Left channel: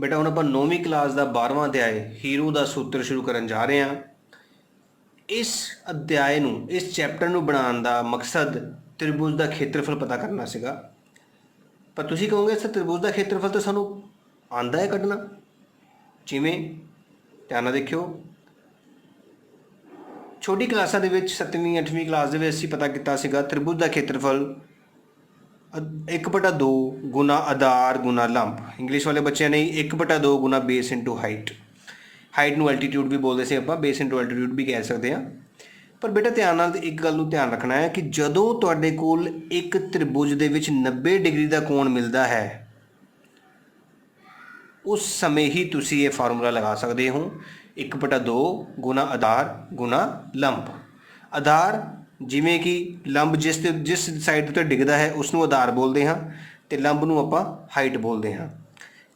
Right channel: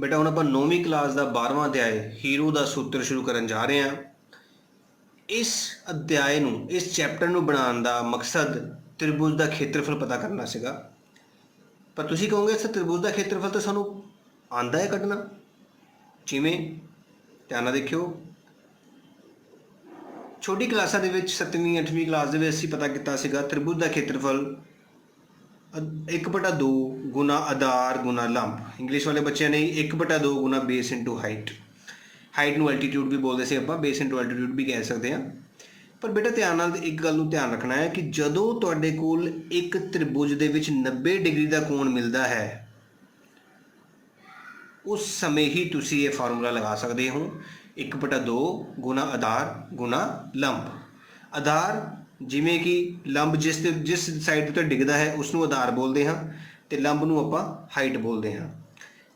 बेटा हुण आपां 9वीं क्लास का 12वां अध्याय हीरो का सूत्र शुरू करन जा रहे हैं। इस अध्याय नूं, इस चैप्टर नूं बनाउण दा मकसद त्रिभुज का खेत्रफल पता करना सीगा। पर तुसीं कहोगे सर त्रिभुज का खेत्रफल तो सानूं आंदा है कढना, जिवें ध्यान नाल देखियो। छोटी क्लासां दे विच 7वीं 8वीं क्लास दे विच असीं पता कीता सीगा त्रिभुज का खेत्रफल 1/2 गुना आधार गुना लंब। इंग्लिश वाले बच्चों ने 1/2 गुना बेस इंटू हाइट। हाइट नूं एल्टीट्यूड भी बोलते से आपां, बेस इंटू एल्टीट्यूड भी कह सकते हैं। पर बेटा ध्यान नाल एक गल नूं ध्यान रखना है कि जदों तुहाडे कोल एक त्रिभुज दे विच 90 डिग्री का कोण मिलता है, उस समय ही तुसीं ये फार्मूला लगा सकते हो 1/2 गुना आधार गुना लंब। आधार जिमें कि लंब जिस साइड तो डिगदा है उसनों आधार बोलते हैं, तो लंब नूं आपां हाइट बोलते हैं।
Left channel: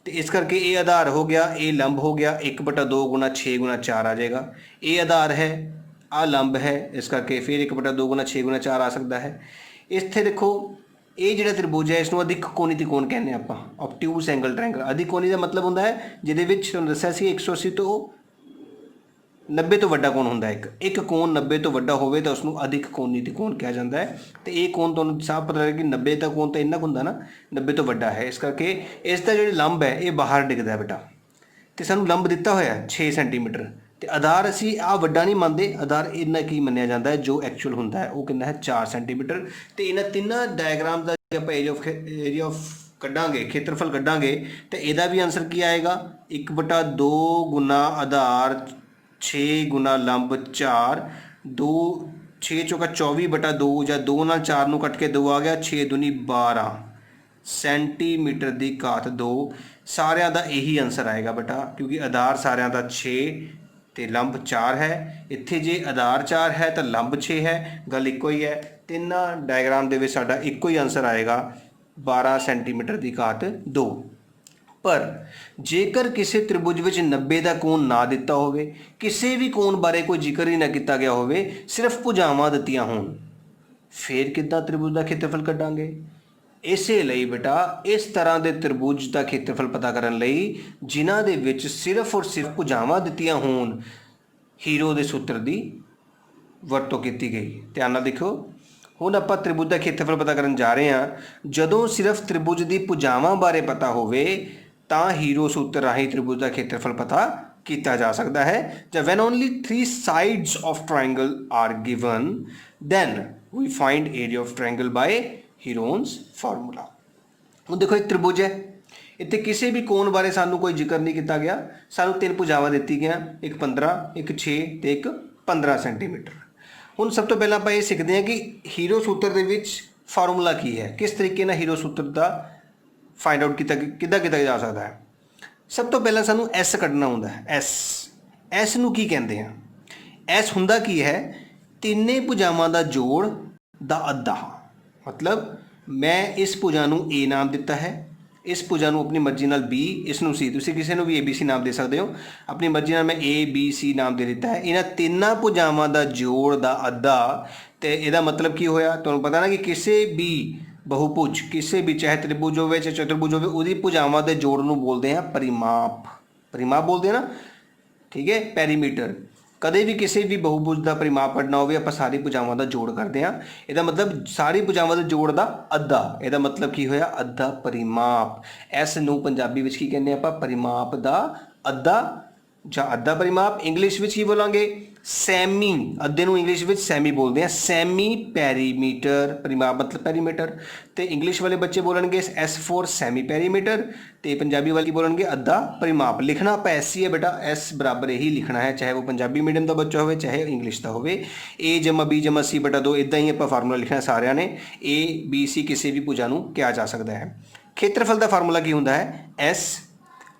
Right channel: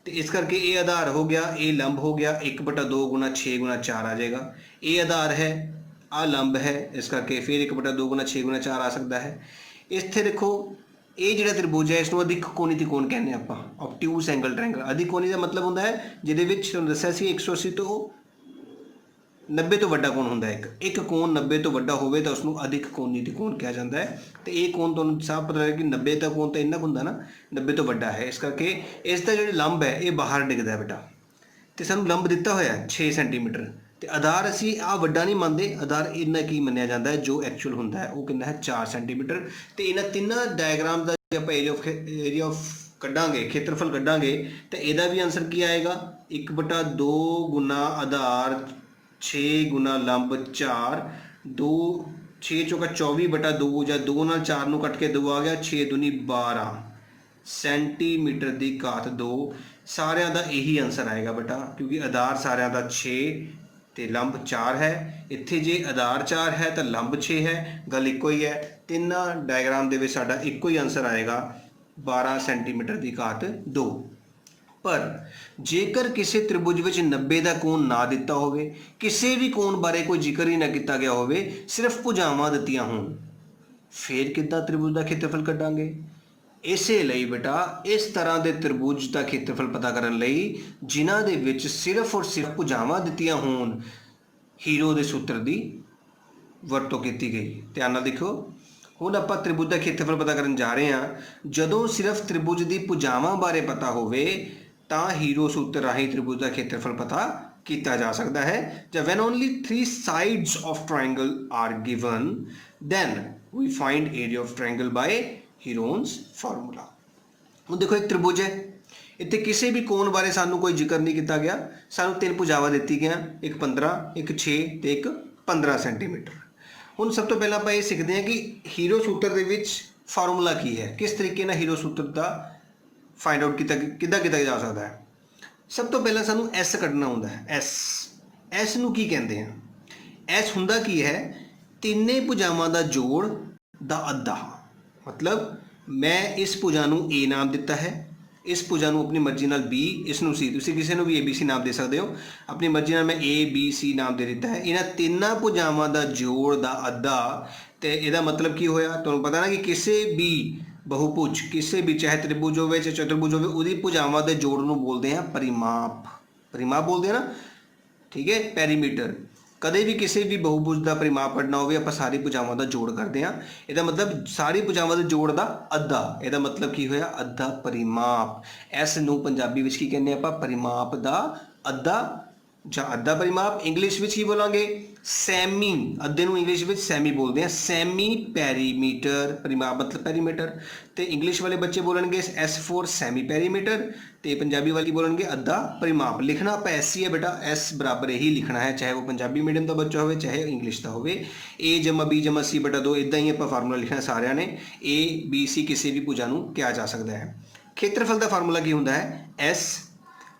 तो इस करके ये आधार हो गया, ये लंब हो गया, 1/2 गुना 6 गुना 4 आ जाएगा। ये आधार है, आ लंब है, इस करके फिर 1/2 गुना 6 गुना 4 आ सकता है। इत्थे देखो ये जिहड़ा त्रिभुज है इसनूं अधिक कोणी त्रिकोण कहने आपां, ऑब्ट्यूज एंगल ट्रायंगल। अधिक कोणी का मतलब होंदा है जिहदे विच तुहानूं दस्सिया सी 180 तो 90 तो वड्डा कोण हुंदा है। एक कोण 90 तो वड्डा होवे तो उसनूं अधिक कोणी त्रिकोण कहा जाता है। तो ये कोण तुहानूं साफ पता लगे कि 90 का कोण तो इन्ना हुंदा ना, 90 तो वड्डा है। इस करके इसका जो लंब है ये बाहर डिगदा है बेटा। तो सानूं लंब दिता होया है 6 सेंटीमीटर, तो आधार असीं आ वड्डा नहीं मानते, आधार इन्ना की मन्निया जाता है जो एक्चुअल होंदा है वो कितना है 4 सेंटीमीटर। तो इन्हां तिन्नां डायग्राम का जो आपां एरिया ऑफ कड्डांगे, खेत्रफल कड्डांगे, तो इहदा भी आंसर की आएगा 1/2 गुना आधार 6 गुना लंब 4, 2 6 चौका 24/2 या 2 नाल 4 नूं कट के 2 आ गया, 6 दूनी 12 सेंटीमीटर की घात 2। सारिਆਂ ਦਾ यही आंसर आएगा बेटा, क्योंकि आधार सारिਆਂ ਦਾ 6 तो लंब 4 है। इत्थे जे आधार 4 है तो लंब 6 है, गल इक्को ही है। तिन्ना डायग्राम दे विच साडा इक्को ही आंसर आएगा 12 सेंटीमीटर की घात 2। पर जेकर किसी त्रिभुज विच 90 का कोण ना दिता होवे, किसी भी कोण बारे कोई जिक्र ही ना किया गया होवे, सिर्फ भुजावां दित्तियां होण, फिर किद्दां त्रिभुज का खेत्रफल कड्डांगे। इसे लई बेटा इस तरह के त्रिभुज का खेत्रफल पता करने लई जिन्हां दे विच सिर्फ और सिर्फ भुजावां दित्तियां होण, हीरो के सूत्र की वरतों की गई। ध्यान नाल देखो, हुण आपां त्रिभुज का खेत्रफल पता करन जा रहे हैं। जदों सिर्फ त्रिभुज की भुजावां बारे पता होवे तां हीरो सूत्र राही त्रिभुज का खेत्रफल पता किया जा सकता है। जब when only 3 sides of triangle are given then we find area of triangle by Heron's formula. हुण देखो एक त्रिभुज है, इत्थे किसी भी कोण बारे सानू कोई जिक्र नहीं किया गया, सानू 3 भुजावां दित्ती गई, एक 15 एक 6 तो एक 15 सेंटीमीटर। हुण सब तो पहला आपां ये सीखते हैं कि हीरो सूत्र दे विच फार्मूला की है, किस तरीके नाल हीरो सूत्र का फाइंड आउट किया जा सकता है। सब तो पहला सानू एस कढ़ना हुंदा है। एस नूं की कहंदे हैं? एस हुंदा की है, तिन्ने भुजावां दा जोड़ दा अद्धा। मतलब मैं इस भुजा नूं ए नाम दिता है, इस भुजा नूं अपनी मर्जी नाल बी, इसनूं सी, तुसीं किसी नूं भी ABC नाम दे सकते हो, अपनी मर्जी नाल मैं ABC नाम दे दिता है। इन्हां तिन्नां भुजावां दा जोड़ दा अद्धा। तो इहदा मतलब की होया, तुहानूं पता ना कि किसी भी बहुभुज, किसी भी चाहे त्रिभुज होवे चाहे चतुर्भुज होवे, उहदी भुजावां दे जोड़ नूं बोलते हैं परिमाप। परिमाप बोलते हैं ना, ठीक है, पैरीमीटर। कदे भी किसी भी बहुभुज का परिमाप कढना होवे आपां सारी भुजावां का जोड़ करते हैं। इहदा मतलब सारी भुजावां के जोड़ का अद्धा, इहदा मतलब की होया अद्धा परिमाप। इस नूं पंजाबी विच की कहने आपां परिमाप का अद्धा जां अद्धा परिमाप। इंग्लिश विच की बोलांगे सैमी, अद्धे नूं इंग्लिश विच सैमी बोलते हैं, सैमी पैरीमीटर। परिमाप मतलब पैरीमीटर। तो इंग्लिश वाले बच्चे बोलेंगे S फॉर सैमी पैरीमीटर, तो पंजाबी वाले बोलेंगे अद्धा परिमाप। लिखना आप ऐसी है बेटा, S बराबर ही लिखना है, चाहे वो पंजाबी मीडियम का बच्चा हो चाहे इंग्लिश का हो। A जमा B जमा C बटा 2 इदा ही आप फार्मूला लिखना सारिਆਂ ने। ABC किसी भी भुजा नूं किया जा सकता है। खेत्रफल का फार्मूला की होंदा है S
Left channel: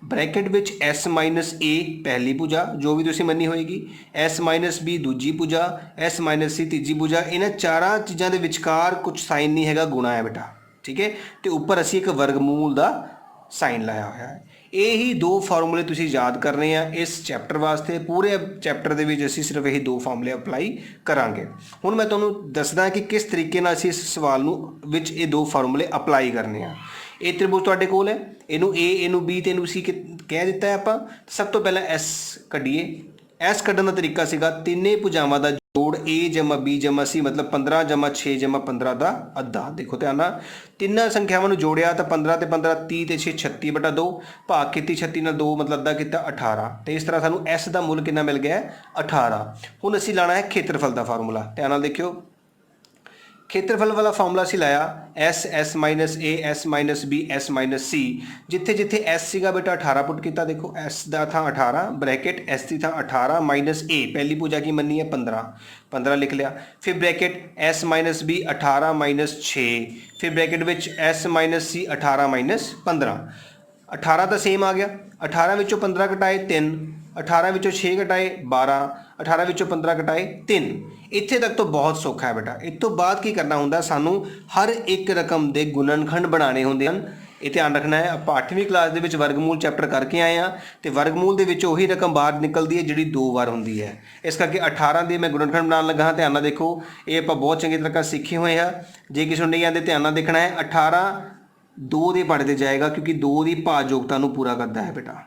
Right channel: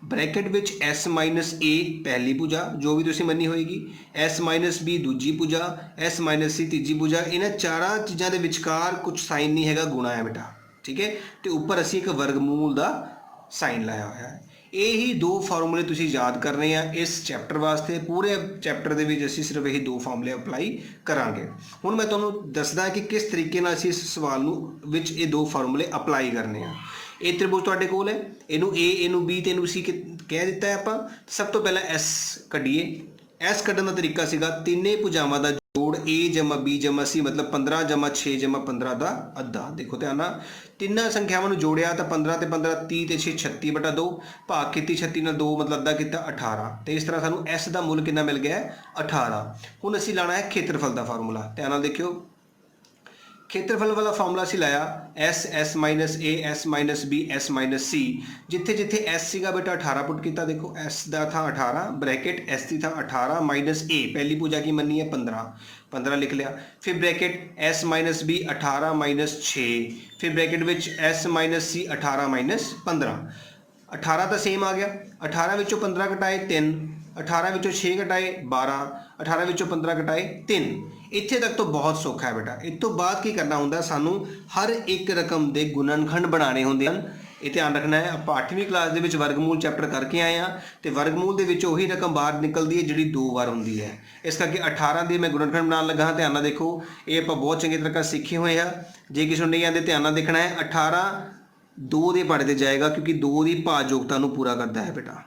bracket which S minus A पहली भुजा जो भी तुसीं मन्नी होएगी, S माइनस B दूजी भुजा, S माइनस C तीजी भुजा। इन्हां चारां चीज़ों के विचकार कुछ साइन नहीं हैगा, गुणा है बेटा, ठीक है। तो उपर असीं एक वर्गमूल का साइन लाया होया है। यही 2 फार्मूले तुसीं याद करने हैं इस चैप्टर वास्ते। पूरे चैप्टर दे विच असीं सिर्फ यही 2 फार्मूले अप्लाई करांगे। हुण मैं तुहानूं दसदा कि किस तरीके नाल असीं इस सवाल नूं विच ये 2 फार्मूले अप्लाई करने हैं। ਇਹ ਤ੍ਰਿਭੁਜ ਤੁਹਾਡੇ ਕੋਲ ਹੈ, ਇਹਨੂੰ A ਇਹਨੂੰ B ਤੇ ਇਹਨੂੰ C ਕਹਿ ਦਿੱਤਾ ਹੈ ਆਪਾਂ। ਸਭ ਤੋਂ ਪਹਿਲਾਂ S ਕੱਢੀਏ। S ਕੱਢਣ ਦਾ ਤਰੀਕਾ ਸੀਗਾ ਤਿੰਨੇ ਭੁਜਾਵਾਂ ਦਾ ਜੋੜ A ਜਮਾ B ਜਮਾ C ਮਤਲਬ 15 ਜਮਾ 6 ਜਮਾ 15 ਦਾ ਅੱਧਾ। ਦੇਖੋ ਧਿਆਨ ਨਾਲ, ਤਿੰਨਾਂ ਸੰਖਿਆਵਾਂ ਨੂੰ ਜੋੜਿਆ ਤਾਂ 15 ਤੇ 15 30 ਤੇ 6 36/2 ਭਾਗ ਕੀਤੀ 36 ਨਾਲ 2 ਮਤਲਬ ਅੱਧਾ ਕੀਤਾ 18। ਤੇ ਇਸ ਤਰ੍ਹਾਂ ਸਾਨੂੰ S ਦਾ ਮੁੱਲ ਕਿੰਨਾ ਮਿਲ ਗਿਆ 18। ਹੁਣ ਅਸੀਂ ਲਾਣਾ ਹੈ ਖੇਤਰਫਲ ਦਾ ਫਾਰਮੂਲਾ। ਧਿਆਨ ਨਾਲ ਦੇਖਿਓ, ਖੇਤਰਫਲ ਵਾਲਾ ਫਾਰਮੂਲਾ ਅਸੀਂ ਲਾਇਆ S minus A S minus B S minus C। ਜਿੱਥੇ ਜਿੱਥੇ S ਸੀਗਾ ਬੇਟਾ 18 ਪੁੱਟ ਕੀਤਾ। ਦੇਖੋ S ਦਾ ਥਾਂ 18 ਬ੍ਰੈਕਟ S ਦੀ ਥਾਂ 18 ਮਾਈਨਸ A ਪਹਿਲੀ ਭੁਜਾ ਕੀ ਮੰਨੀ ਹੈ 15 ਲਿਖ ਲਿਆ। ਫਿਰ bracket S minus B 18 minus 6 ਫਿਰ ਬ੍ਰੈਕਟ ਵਿੱਚ S ਮਾਈਨਸ C 18 ਮਾਈਨਸ 15। 18 ਤਾਂ ਸੇਮ ਆ ਗਿਆ। 18 ਵਿੱਚੋਂ 15 ਘਟਾਏ 3, 18 ਵਿੱਚੋਂ 6 ਘਟਾਏ 12, 18 ਵਿੱਚੋਂ 15 ਘਟਾਏ 3। ਇੱਥੇ ਤੱਕ ਤਾਂ ਬਹੁਤ ਸੌਖਾ ਹੈ ਬੇਟਾ। ਇਸ ਤੋਂ ਬਾਅਦ ਕੀ ਕਰਨਾ ਹੁੰਦਾ, ਸਾਨੂੰ ਹਰ ਇੱਕ ਰਕਮ ਦੇ ਗੁਣਨਖੰਡ ਬਣਾਉਣੇ ਹੁੰਦੇ ਹਨ। ਇਹ ਧਿਆਨ ਰੱਖਣਾ ਹੈ। ਆਪਾਂ 8ਵੀਂ ਕਲਾਸ ਦੇ ਵਿੱਚ ਵਰਗਮੂਲ ਚੈਪਟਰ ਕਰਕੇ ਆਏ ਹਾਂ ਤੇ ਵਰਗਮੂਲ ਦੇ ਵਿੱਚ ਉਹੀ ਰਕਮ ਬਾਹਰ ਨਿਕਲਦੀ ਹੈ ਜਿਹੜੀ 2 ਵਾਰ ਹੁੰਦੀ ਹੈ। ਇਸ ਕਰਕੇ 18 ਦੇ ਮੈਂ ਗੁਣਨਖੰਡ ਬਣਾਉਣ ਲੱਗਾ ਹਾਂ। ਧਿਆਨ ਨਾਲ ਦੇਖੋ, ਇਹ ਆਪਾਂ ਬਹੁਤ ਚੰਗੀ ਤਰ੍ਹਾਂ ਸਿੱਖੇ ਹੋਏ ਹਾਂ। ਜੇ ਕਿਸੇ ਨੂੰ ਨਹੀਂ ਆਉਂਦੇ ਧਿਆਨ ਨਾਲ ਦੇਖਣਾ ਹੈ। 18 2 ਦੇ ਪਹਾੜੇ ਤੇ ਜਾਏਗਾ ਕਿਉਂਕਿ 2 ਦੀ ਭਾਜਯੋਗਤਾ ਨੂੰ ਪੂਰਾ ਕਰਦਾ ਹੈ ਬੇਟਾ।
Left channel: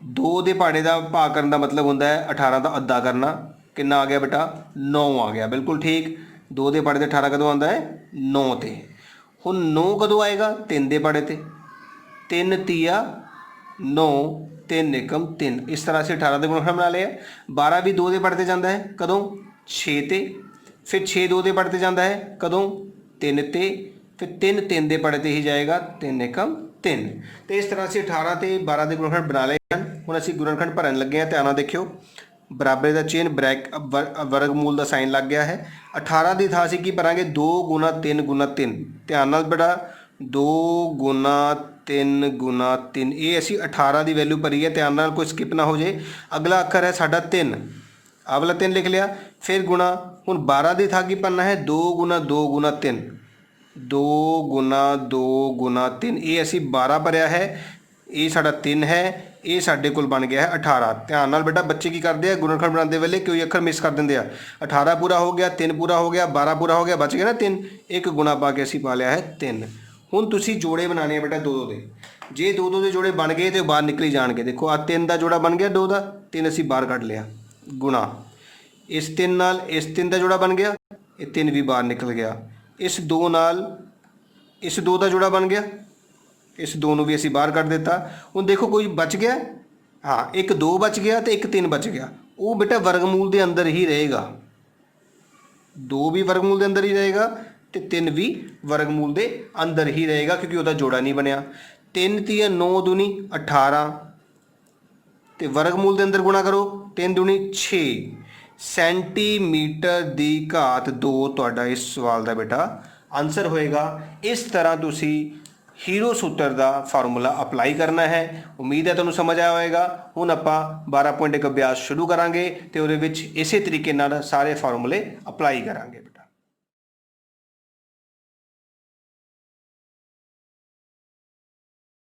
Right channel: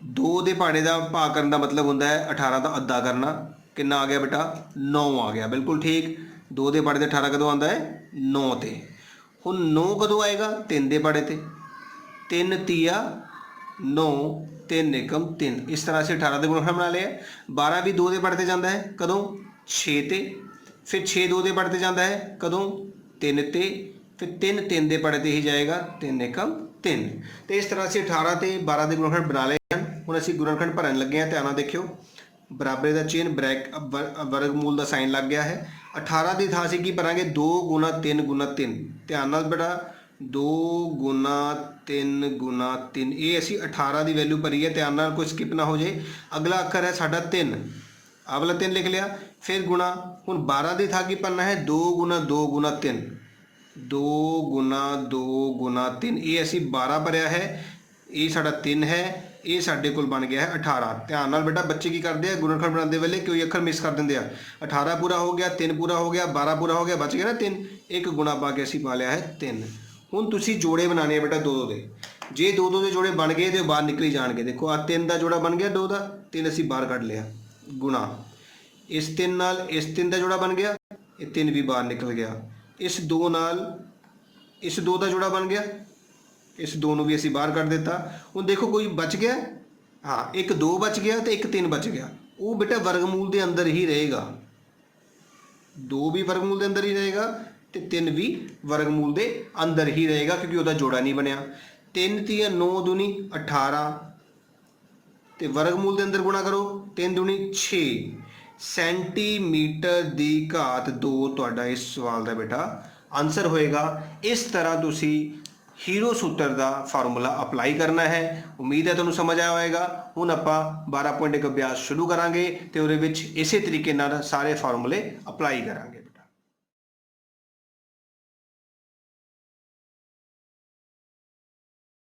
2 ਦੇ ਪਹਾੜੇ ਦਾ ਭਾਗ ਕਰਨ ਦਾ ਮਤਲਬ ਹੁੰਦਾ ਹੈ 18 ਦਾ ਅੱਧਾ ਕਰਨਾ। ਕਿੰਨਾ ਆ ਗਿਆ ਬੇਟਾ 9 ਆ ਗਿਆ। ਬਿਲਕੁਲ ਠੀਕ। 2 ਦੇ ਪਹਾੜੇ ਤੇ 18 ਕਦੋਂ ਆਉਂਦਾ ਹੈ 9 ਤੇ। ਹੁਣ 9 ਕਦੋਂ ਆਏਗਾ 3 ਦੇ ਪਹਾੜੇ ਤੇ। 3 ਤੀਆ 9 3 ਏਕਮ 3। ਇਸ ਤਰ੍ਹਾਂ ਅਸੀਂ 18 ਦੇ ਗੁਣਨਖੰਡ ਬਣਾ ਲਏ। 12 ਵੀ 2 ਦੇ ਪਹਾੜੇ ਤੇ ਜਾਂਦਾ ਹੈ ਕਦੋਂ 6 ਤੇ। ਫਿਰ 6 2 ਦੇ ਪਹਾੜੇ ਤੇ ਜਾਂਦਾ ਹੈ ਕਦੋਂ 3 ਤੇ। ਫਿਰ 3 3 ਦੇ ਪਹਾੜੇ ਤੇ ਹੀ ਜਾਏਗਾ 3 ਏਕਮ 3। ਤੇ ਇਸ ਤਰ੍ਹਾਂ ਅਸੀਂ 18 ਤੇ 12 ਦੇ ਗੁਣਨਖੰਡ ਬਣਾ ਲਏ ਹਨ। ਹੁਣ ਅਸੀਂ ਗੁਣਨਖੰਡ ਭਰਨ ਲੱਗੇ ਹਾਂ। ਧਿਆਨ ਨਾਲ ਦੇਖਿਓ, ਬਰਾਬਰ ਦਾ ਚਿੰਨ੍ਹ ਵਰਗਮੂਲ ਦਾ ਸਾਈਨ ਲੱਗ ਗਿਆ ਹੈ। 18 ਦੀ ਥਾਂ ਅਸੀਂ ਕੀ ਭਰਾਂਗੇ 2 ਗੁਣਾ 3 ਗੁਣਾ 3। ਧਿਆਨ ਨਾਲ ਬੇਟਾ 2 ਗੁਣਾ 3 ਗੁਣਾ 3। ਇਹ ਅਸੀਂ 18 ਦੀ ਵੈਲਿਊ ਭਰੀ ਹੈ। ਧਿਆਨ ਨਾਲ ਕੋਈ ਸਕਿਪ ਨਾ ਹੋ ਜੇ। ਅਗਲਾ ਅੱਖਰ ਹੈ ਸਾਡਾ 3। ਆਹ ਵਾਲਾ 3 ਲਿਖ ਲਿਆ। ਫਿਰ ਗੁਣਾ। ਹੁਣ 12 ਦੀ ਥਾਂ ਕੀ ਭਰਨਾ ਹੈ 2 ਗੁਣਾ 2 ਗੁਣਾ 3। 2 ਗੁਣਾ 2 ਗੁਣਾ 3। ਇਹ ਅਸੀਂ 12 ਭਰਿਆ ਹੈ। ਇਹ ਸਾਡਾ 3 ਹੈ। ਇਹ ਸਾਡੇ ਕੋਲ ਬਣ ਗਿਆ ਹੈ 18। ਧਿਆਨ ਨਾਲ ਬੇਟਾ ਬੱਚੇ ਕੀ ਕਰਦੇ ਆ ਗੁਣਨਖੰਡ ਬਣਾਉਂਦੇ ਵੇਲੇ ਕੋਈ ਅੱਖਰ ਮਿਸ ਕਰ ਦਿੰਦੇ ਆ। 18 ਪੂਰਾ ਹੋ ਗਿਆ, 3 ਪੂਰਾ ਹੋ ਗਿਆ, 12 ਪੂਰਾ ਹੋ ਗਿਆ, ਬਚ ਗਿਆ ਨਾ 3। ਇੱਕ ਗੁਣਾ ਪਾ ਕੇ ਅਸੀਂ ਪਾ ਲਿਆ ਹੈ 3। ਹੁਣ ਤੁਸੀਂ ਜੋੜੇ ਬਣਾਉਣੇ ਆ ਬੇਟਾ 2 ਦੇ। ਜੇ 2 ਦੇ ਜੋੜੇ ਬਣ ਗਏ ਤਾਂ ਬਾਹਰ ਨਿਕਲੀ ਜਾਣਗੇ। ਦੇਖੋ ਆ 3 ਦਾ ਜੋੜਾ ਬਣ ਗਿਆ 2 ਦਾ। 3 ਅਸੀਂ ਬਾਹਰ ਕੱਢ ਲਿਆ। ਗੁਣਾ ਇਸ 3 ਨਾਲ ਇਸ 3 ਦਾ ਜੋੜਾ ਬਣ ਗਿਆ। ਇਹ 3 ਵੀ ਬਾਹਰ ਨਿਕਲ ਗਿਆ। ਇਸ 2 ਨਾਲ ਇਸ 2 ਦਾ ਜੋੜਾ ਬਣ ਗਿਆ। ਇਸ 2 ਨੂੰ ਵੀ ਅਸੀਂ ਬਾਹਰ ਕੱਢ ਦਿੱਤਾ। ਹੁਣ ਦੇਖੋ ਕੋਈ ਬਚ ਗਿਆ। ਹਾਂ, ਇੱਕ 2 ਬਚ ਗਿਆ ਤੇ ਇੱਕ 3 ਬਚ ਗਿਆ। ਉਹ ਬੇਟਾ ਵਰਗਮੂਲ ਦੇ ਅੰਦਰ ਹੀ ਰਹੇਗਾ। 2 ਵੀ ਵਰਗਮੂਲ ਦੇ ਅੰਦਰ ਹੀ ਰਹੇਗਾ ਤੇ 3 ਵੀ ਵਰਗਮੂਲ ਦੇ ਅੰਦਰ ਹੀ ਰਹੇਗਾ ਕਿਉਂਕਿ ਉਹਦਾ ਜੋੜਾ ਨਹੀਂ ਬਣਿਆ। 3 ਤੀਆ 9 ਦੂਣੀ 18 ਤੇ ਵਰਗਮੂਲ ਦੇ ਅੰਦਰ ਗੁਣਾ ਕਰੋ 3 ਦੂਣੀ 6 ਸੈਂਟੀਮੀਟਰ ਦੀ ਘਾਤ 2 ਤੁਹਾਡਾ ਇਸ ਸਵਾਲ ਦਾ ਬੇਟਾ ਆਨਸਰ ਹੋਏਗਾ। ਇਸ ਤਰ੍ਹਾਂ ਤੁਸੀਂ ਹੀਰੋ ਸੂਤਰ ਦਾ ਫਾਰਮੂਲਾ ਅਪਲਾਈ ਕਰਨਾ ਹੈ। ਉਮੀਦ ਹੈ ਤੁਹਾਨੂੰ ਸਮਝ ਆਇਆ ਹੋਵੇਗਾ। ਹੁਣ ਆਪਾਂ 12.1 ਅਭਿਆਸ ਸ਼ੁਰੂ ਕਰਾਂਗੇ ਤੇ ਉਹਦੇ ਵਿੱਚ ਇਸੇ ਤਰੀਕੇ ਨਾਲ ਸਾਰੇ ਫਾਰਮੂਲੇ ਅਪਲਾਈ ਕਰਾਂਗੇ।